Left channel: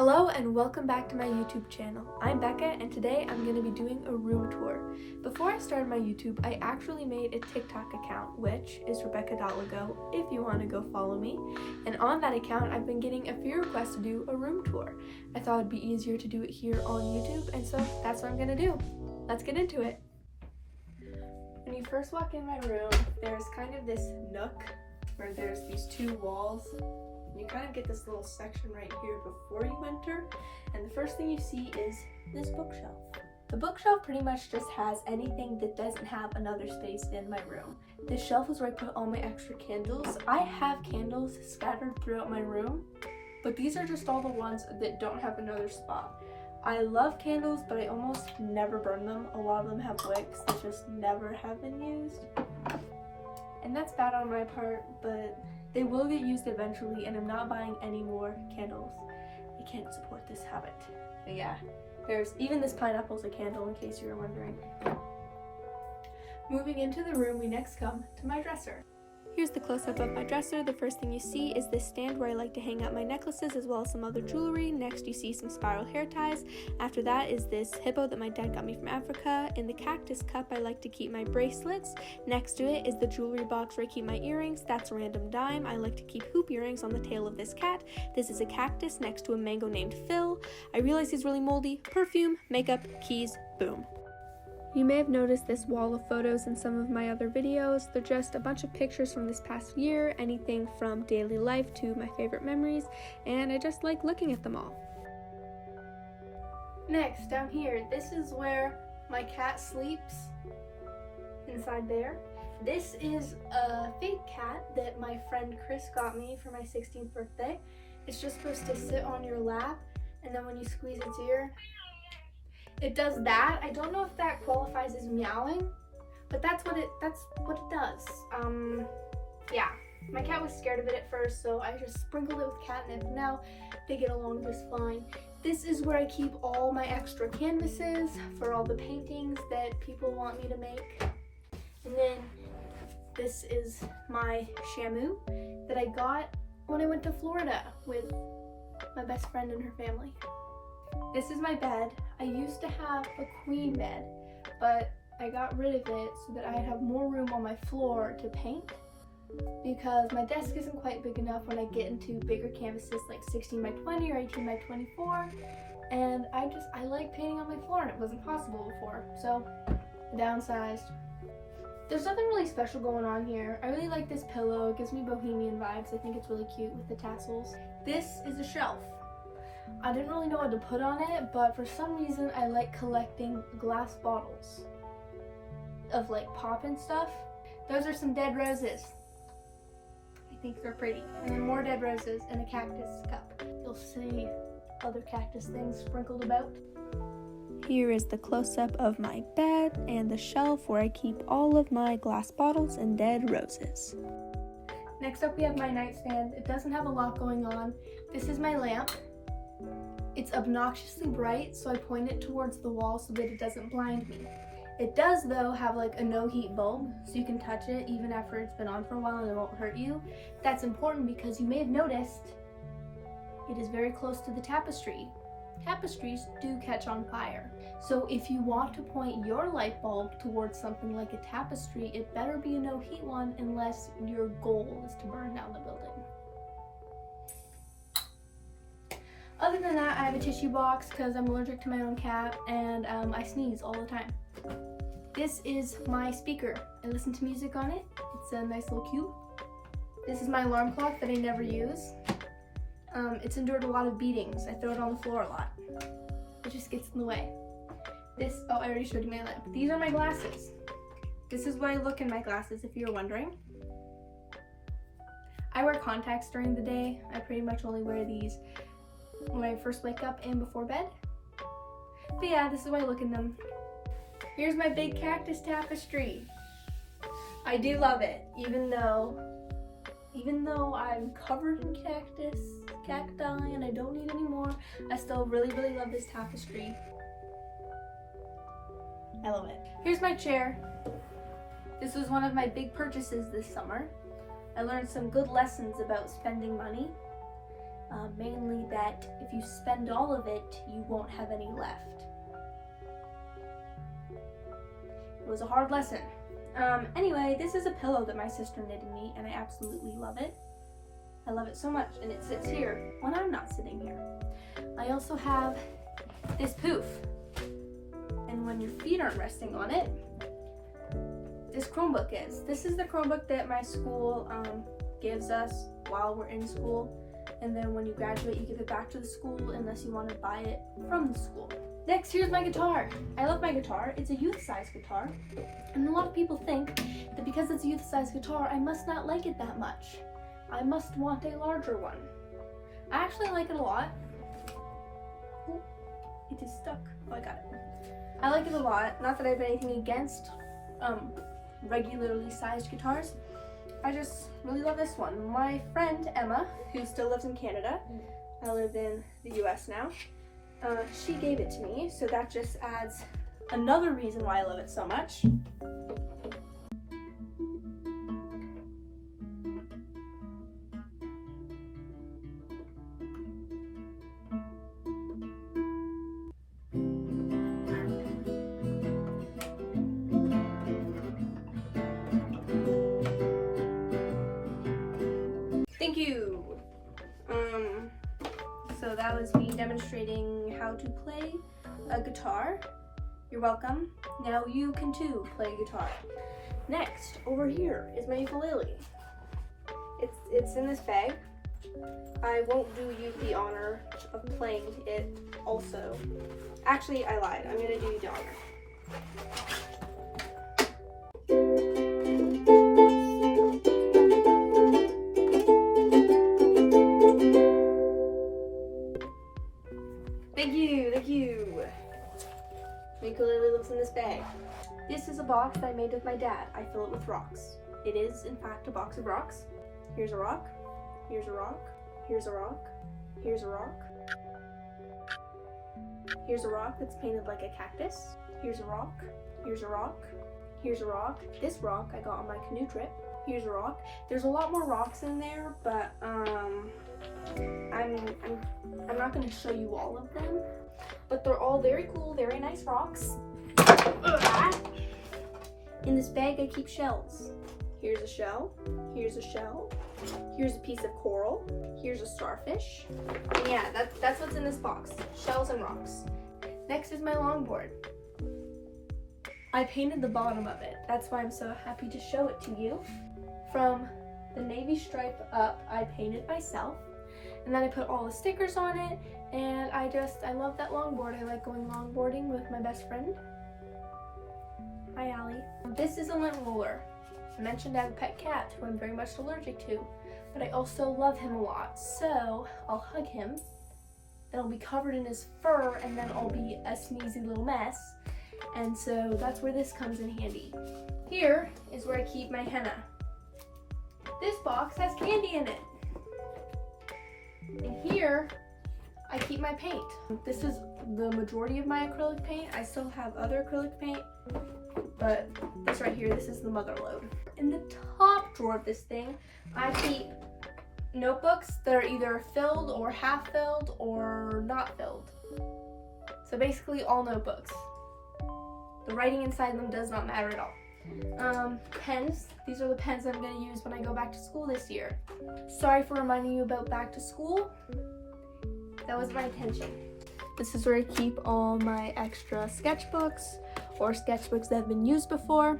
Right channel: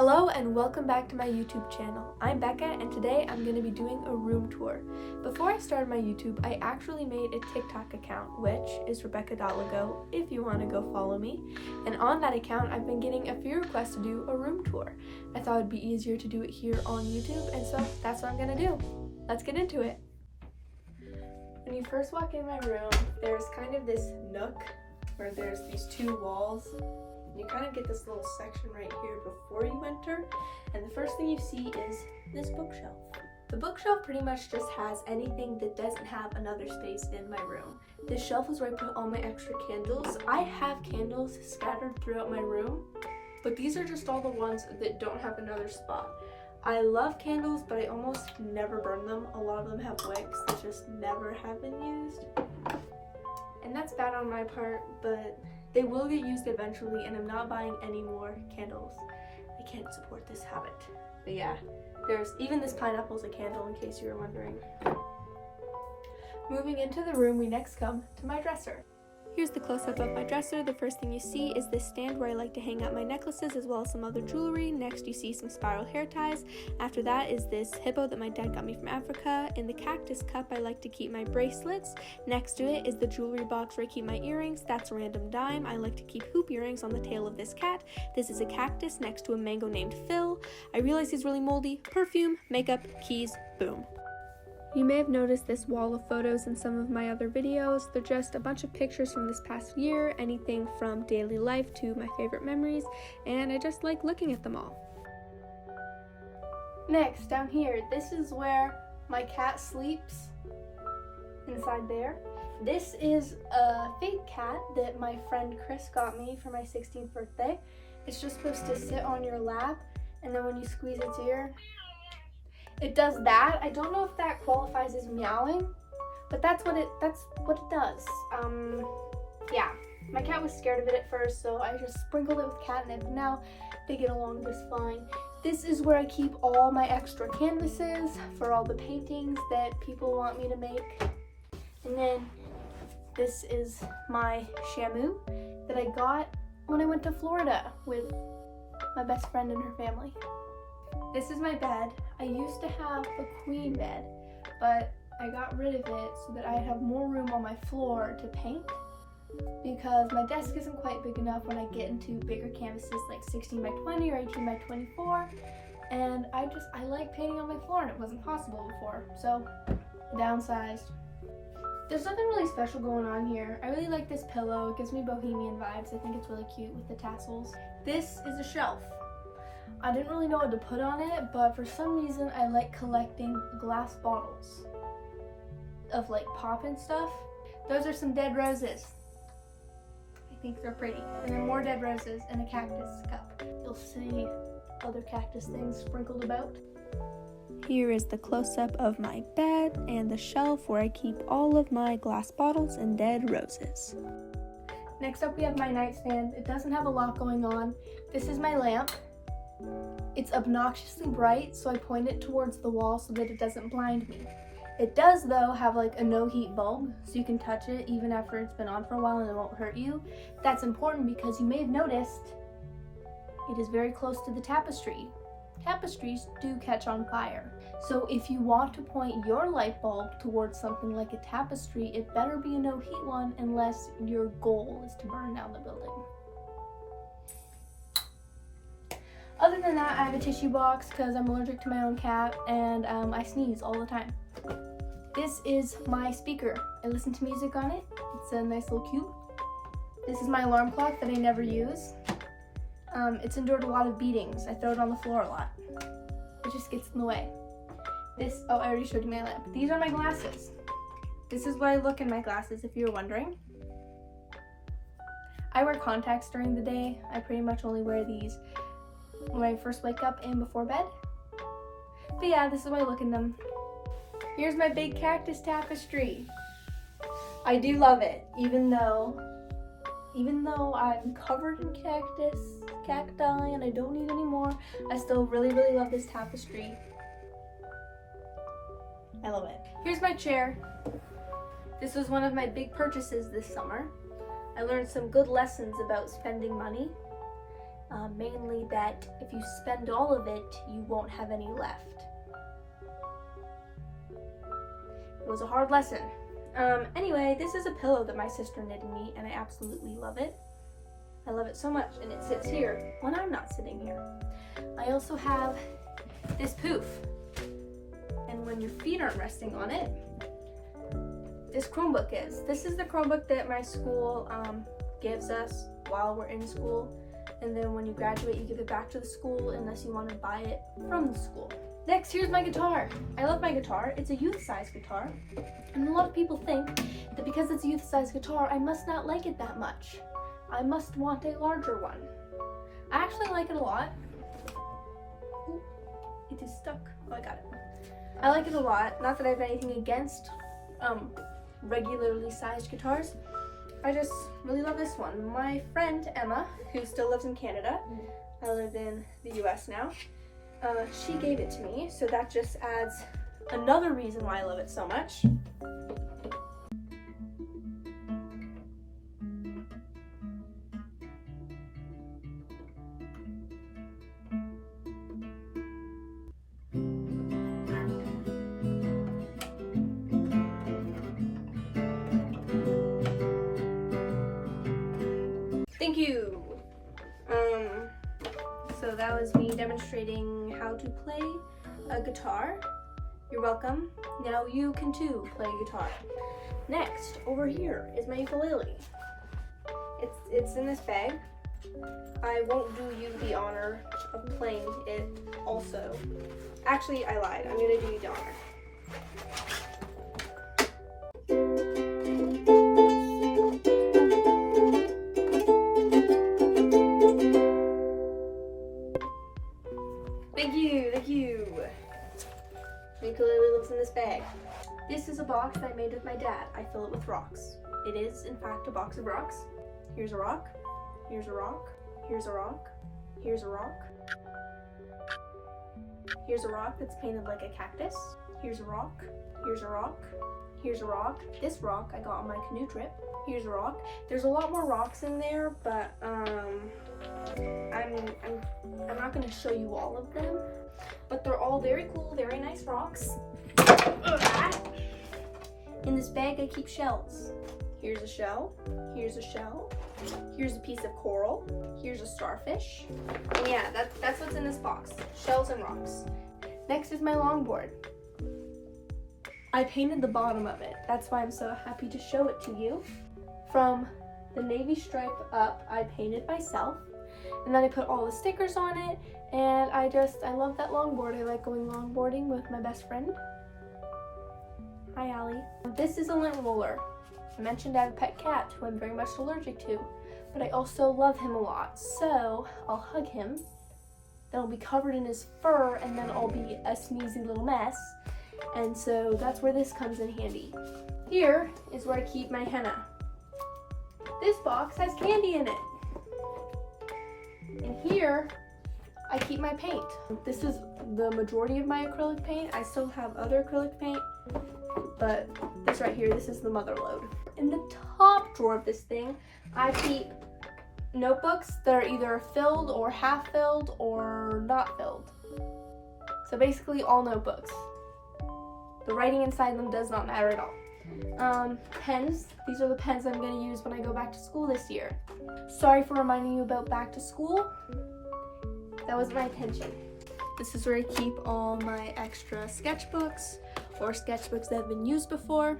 Hello and welcome back to my YouTube channel. I'm Becca and today I'm going to be doing a room tour. Before I started my YouTube, I actually made a TikTok account, which is rebecca.lego if you want to go follow me. And on that account, I've been getting a few requests to do a room tour. I thought it'd be easier to do it here on YouTube, and so that's what I'm going to do. Let's get into it. When you first walk in my room, there's kind of this nook where there's these two walls. You kind of get this little section right here before you enter, and the first thing you see is this bookshelf. The bookshelf pretty much just has anything that doesn't have another space in my room. This shelf is where I put all my extra candles. I have candles scattered throughout my room, but these are just all the ones that don't have another spot. I love candles, but I almost never burn them. A lot of them have wicks that just never have been used. And that's bad on my part, but they will get used eventually, and I'm not buying any more candles. I can't support this habit. But yeah, there's even this pineapple's a candle in case you were wondering. Moving into the room, we next come to my dresser. Here's the close-up of my dresser. The first thing you see is this stand where I like to hang out my necklaces as well as some other jewelry. Next you see some spiral hair ties. After that is this hippo that my dad got me from Africa. In the cactus cup I like to keep my bracelets. Next to it is the jewelry box where I keep my earrings. That's a random dime. I like to keep hoop earrings on the tail of this cat. This is a cactus next to a mango named Phil. I realize he's really moldy. Perfume, makeup, keys, boom. You may have noticed this wall of photos in some of my other videos. They're just a bunch of pictures from this past year, anything from daily life to my favorite memories, and I just like looking at them all. Next, down here, this is where my cat sleeps, inside there. This is a fake cat that my friend Chris got me for my 16th birthday. It's just supposed to sit on your lap, and then when you squeeze its ear, it does that. I don't know if that qualifies as meowing, but that's what it does. Yeah, my cat was scared of it at first, so I just sprinkled it with catnip. Now they get along just fine. This is where I keep all my extra canvases for all the paintings that people want me to make. And then this is my shamu that I got when I went to Florida with my best friend and her family. This is my bed. I used to have a queen bed, but I got rid of it so that I'd have more room on my floor to paint, because my desk isn't quite big enough when I get into bigger canvases like 16 by 20 or 18 by 24, and I like painting on my floor, and it wasn't possible before, so I downsized. There's nothing really special going on here. I really like this pillow. It gives me bohemian vibes. I think it's really cute with the tassels. This is a shelf. I didn't really know what to put on it, but for some reason I like collecting glass bottles of like pop and stuff. Those are some dead roses. I think they're pretty. And then more dead roses in a cactus cup. You'll see other cactus things sprinkled about. Here is the close-up of my bed and the shelf where I keep all of my glass bottles and dead roses. Next up we have my nightstand. It doesn't have a lot going on. This is my lamp. It's obnoxiously bright, so I point it towards the wall so that it doesn't blind me. It does, though, have like a no heat bulb, so you can touch it even after it's been on for a while and it won't hurt you. That's important because you may have noticed it is very close to the tapestry. Tapestries do catch on fire. So if you want to point your light bulb towards something like a tapestry, it better be a no heat one unless your goal is to burn down the building. Other than that, I have a tissue box because I'm allergic to my own cat, and I sneeze all the time. This is my speaker. I listen to music on it. It's a nice little cube. This is my alarm clock that I never use. It's endured a lot of beatings. I throw it on the floor a lot. It just gets in the way. I already showed you my lamp. These are my glasses. This is where I look in my glasses, if you're wondering. I wear contacts during the day. I pretty much only wear these when I first wake up and before bed. But yeah, this is why I look in them. Here's my big cactus tapestry. I do love it, even though I'm covered in cacti, and I don't need any more. I still really, really love this tapestry. I love it. Here's my chair. This was one of my big purchases this summer. I learned some good lessons about spending money. mainly that if you spend all of it, you won't have any left. It was a hard lesson. Anyway, this is a pillow that my sister knitted me, and I absolutely love it. I love it so much, and it sits here when I'm not sitting here. I also have this poof, and when your feet aren't resting on it, this Chromebook is. This is the Chromebook that my school gives us while we're in school, and then when you graduate, you give it back to the school unless you want to buy it from the school. Next, here's my guitar. I love my guitar. It's a youth-size guitar, and a lot of people think that because it's a youth-size guitar, I must not like it that much. I must want a larger one. I actually like it a lot. Ooh, it is stuck. Oh, I got it. I like it a lot. Not that I have anything against regularly sized guitars. I just really love this one. My friend Emma, who still lives in Canada, I live in the US now, she gave it to me, so that just adds another reason why I love it so much. Thank you. So that was me demonstrating how to play a guitar. You're welcome. Now you can too play guitar. Next, over here is my ukulele. It's in this bag. I won't do you the honor of playing it also. Actually, I lied. I'm gonna do you the honor. Thank you. My ukulele lives in this bag. This is a box that I made with my dad. I fill it with rocks. It is, in fact, a box of rocks. Here's a rock. Here's a rock. Here's a rock. Here's a rock. Here's a rock that's painted like a cactus. Here's a rock. Here's a rock. Here's a rock. This rock I got on my canoe trip. Here's a rock. There's a lot more rocks in there, but I'm not going to show you all of them. But they're all very cool, very nice rocks. In this bag I keep shells. Here's a shell. Here's a shell. Here's a piece of coral. Here's a starfish. And yeah, that's what's in this box. Shells and rocks. Next is my longboard. I painted the bottom of it. That's why I'm so happy to show it to you. From the navy stripe up, I painted myself. And then I put all the stickers on it. And I love that longboard. I like going longboarding with my best friend. Hi, Allie. This is a lint roller. I mentioned I have a pet cat who I'm very much allergic to, but I also love him a lot. So I'll hug him. Then I'll be covered in his fur, and then I'll be a sneezy little mess. And so that's where this comes in handy. Here is where I keep my henna. This box has candy in it. And here I keep my paint. This is the majority of my acrylic paint. I still have other acrylic paint, but this right here, this is the mother load. In the top drawer of this thing, I keep notebooks that are either filled or half filled or not filled. So basically all notebooks. The writing inside them does not matter at all. Pens. These are the pens I'm going to use when I go back to school this year. Sorry for reminding you about back to school. That was my intention. This is where I keep all my extra sketchbooks or sketchbooks that have been used before.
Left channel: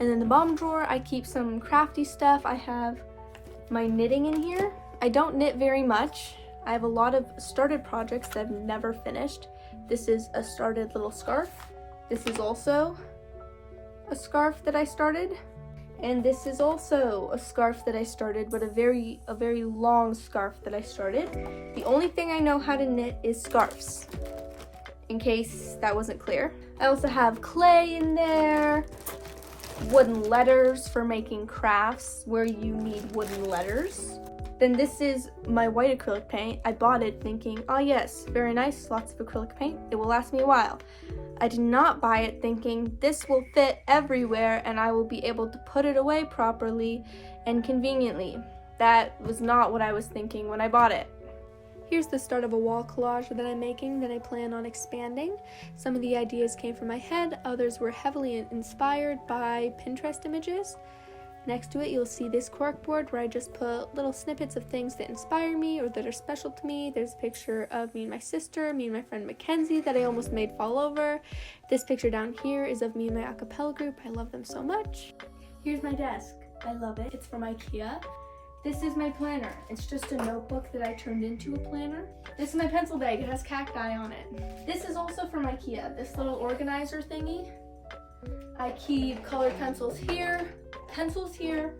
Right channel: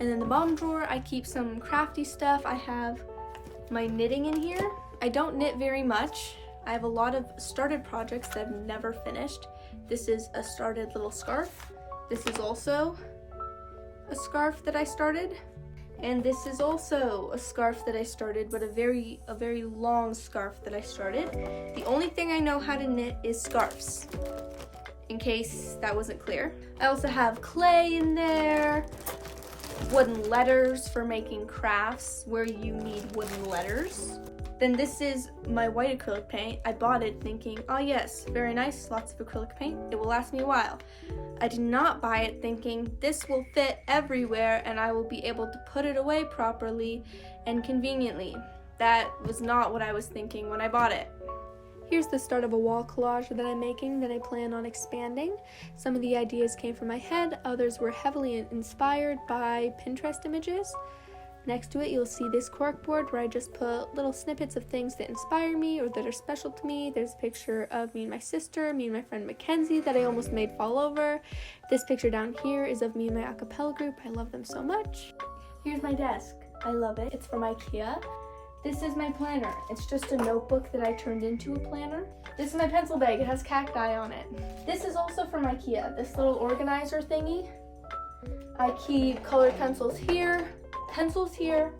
And in the bottom drawer, I keep some crafty stuff. I have my knitting in here. I don't knit very much. I have a lot of started projects that I've never finished. This is a started little scarf. This is also a scarf that I started. And this is also a scarf that I started, but a very long scarf that I started. The only thing I know how to knit is scarves, in case that wasn't clear. I also have clay in there, wooden letters for making crafts where you need wooden letters. Then this is my white acrylic paint. I bought it thinking, oh yes, very nice, lots of acrylic paint, it will last me a while. I did not buy it thinking this will fit everywhere and I will be able to put it away properly and conveniently. that was not what I was thinking when I bought it. Here's the start of a wall collage that I'm making that I plan on expanding. Some of the ideas came from my head, others were heavily inspired by Pinterest images. Next to it, you'll see this corkboard where I just put little snippets of things that inspire me or that are special to me. There's a picture of me and my sister, me and my friend Mackenzie that I almost made fall over. This picture down here is of me and my a cappella group. I love them so much. Here's my desk. I love it. It's from IKEA. This is my planner. It's just a notebook that I turned into a planner. This is my pencil bag. It has cacti on it. This is also from IKEA. This little organizer thingy. I keep colored pencils here,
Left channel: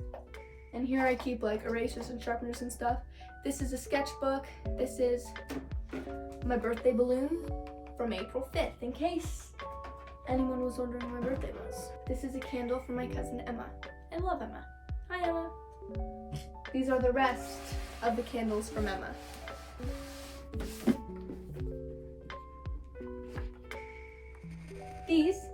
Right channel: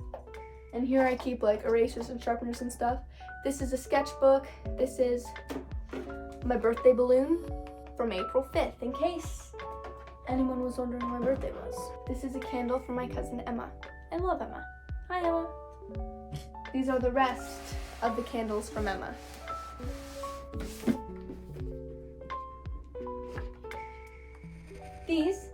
and here I keep like erasers and sharpeners and stuff. This is a sketchbook. This is my birthday balloon from April 5th, in case anyone was wondering when my birthday was. This is a candle from my cousin Emma. I love Emma. Hi, Emma. These are the rest of the candles from Emma. These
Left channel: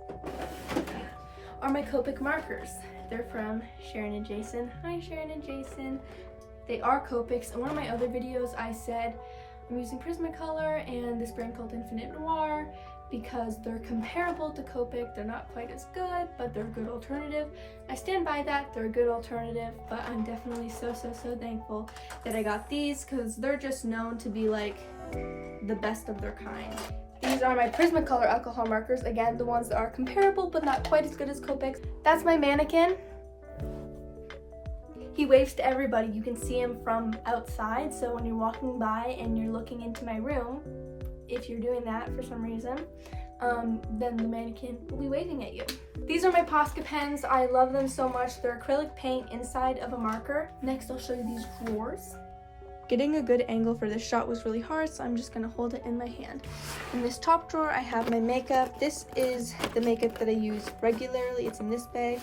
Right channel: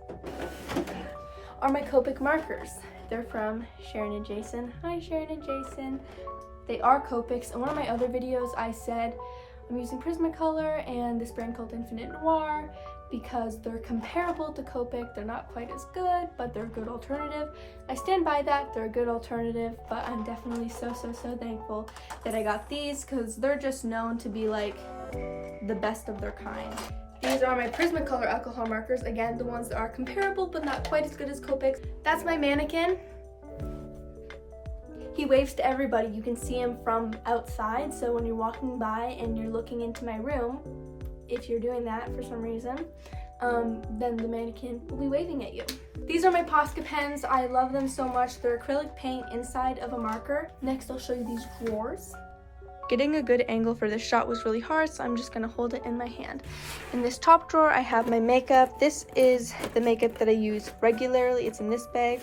are my Copic markers. They're from Sharon and Jason. Hi, Sharon and Jason. They are Copics. In one of my other videos, I said I'm using Prismacolor and this brand called Infinite Noir because they're comparable to Copic. They're not quite as good, but they're a good alternative. I stand by that. They're a good alternative, but I'm definitely so thankful that I got these because they're just known to be like the best of their kind. These are my Prismacolor alcohol markers. Again, the ones that are comparable, but not quite as good as Copic. That's my mannequin. He waves to everybody. You can see him from outside, so when you're walking by and you're looking into my room, if you're doing that for some reason, then the mannequin will be waving at you. These are my Posca pens. I love them so much. They're acrylic paint inside of a marker. Next, I'll show you these drawers. Getting a good angle for this shot was really hard, so I'm just gonna hold it in my hand. In this top drawer, I have my makeup. This is the makeup that I use regularly. It's in this bag.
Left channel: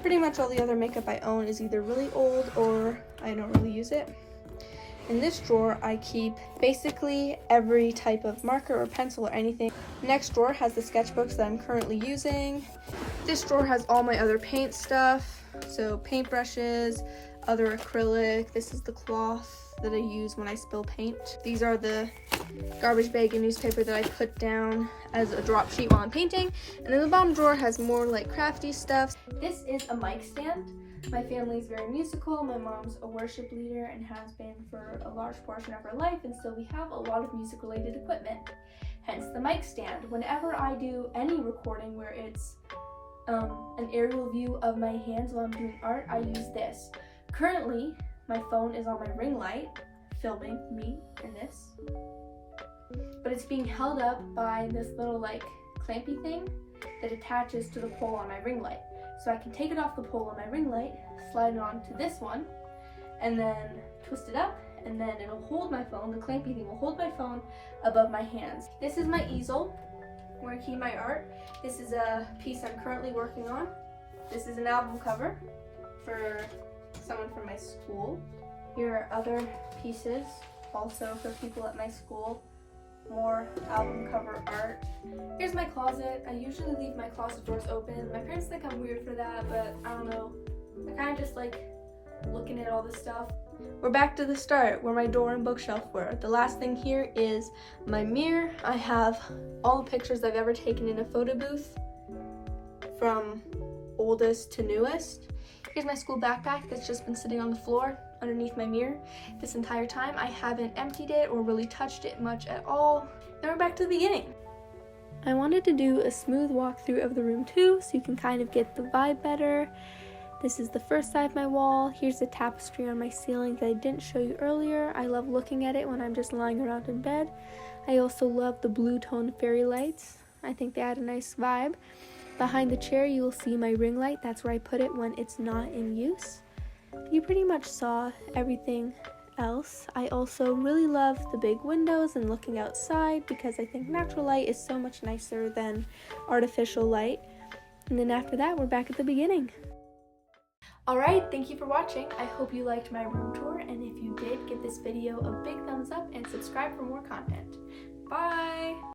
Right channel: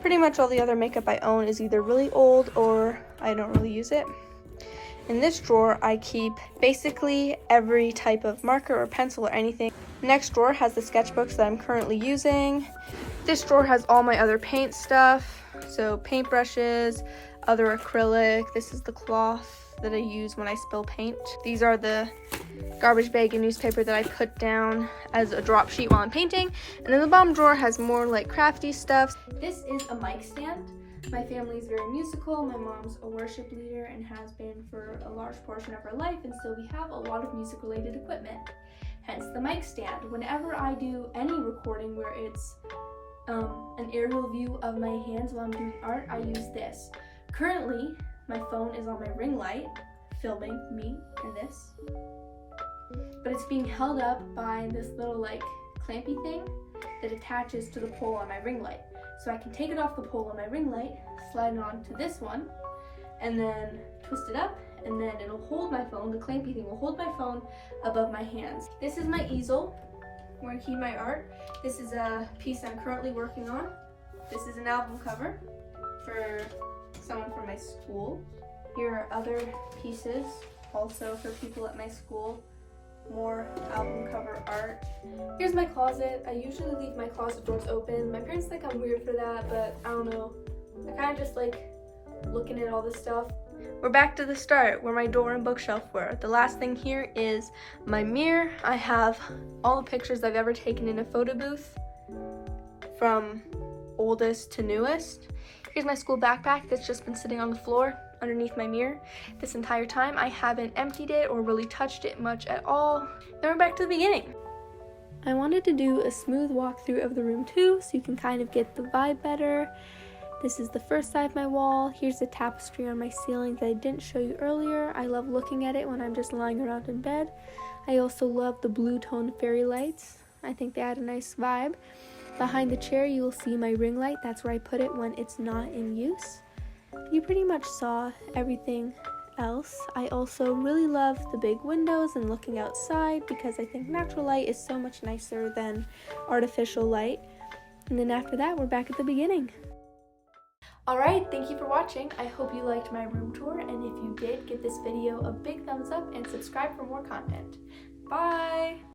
Pretty much all the other makeup I own is either really old or I don't really use it. In this drawer, I keep basically every type of marker or pencil or anything. Next drawer has the sketchbooks that I'm currently using. This drawer has all my other paint stuff. So paintbrushes, other acrylic. This is the cloth that I use when I spill paint. These are the garbage bag and newspaper that I put down as a drop sheet while I'm painting. And then the bottom drawer has more like crafty stuff. This is a mic stand. My family is very musical. My mom's a worship leader and has been for a large portion of her life, and so we have a lot of music related equipment, hence the mic stand. Whenever I do any recording where it's an aerial view of my hands while I'm doing art, I use this. Currently, my phone is on my ring light, filming me in this, but it's being held up by this little like clampy thing that attaches to the pole on my ring light. So I can take it off the pole on my ring light, slide it onto this one, and then twist it up, and then it'll hold my phone. The clampy thing will hold my phone above my hands. This is my easel where I keep my art. This is a piece I'm currently working on. This is an album cover for someone from my school. Here are other pieces also for people at my school. More album cover art. Here's my closet. I usually leave my closet doors open. My parents think I'm weird for that, but I don't know. I kind of just like looking at all this stuff. We're back to the start where my door and bookshelf were. The last thing here is my mirror. I have all the pictures I've ever taken in a photo booth from oldest to newest. Here's my school backpack that's just been sitting on the floor underneath my mirror this entire time. I haven't emptied it or really touched it much at all. Then we're back to the beginning. I wanted to do a smooth walkthrough of the room too, so you can kind of get the vibe better. This is the first side of my wall. Here's the tapestry on my ceiling that I didn't show you earlier. I love looking at it when I'm just lying around in bed. I also love the blue tone fairy lights. I think they add a nice vibe. Behind the chair, you will see my ring light. That's where I put it when it's not in use. You pretty much saw everything else. I also really love the big windows and looking outside because I think natural light is so much nicer than artificial light. And then after that, we're back at the beginning. Alright, thank you for watching. I hope you liked my room tour, and if you did, give this video a big thumbs up and subscribe for more content. Bye!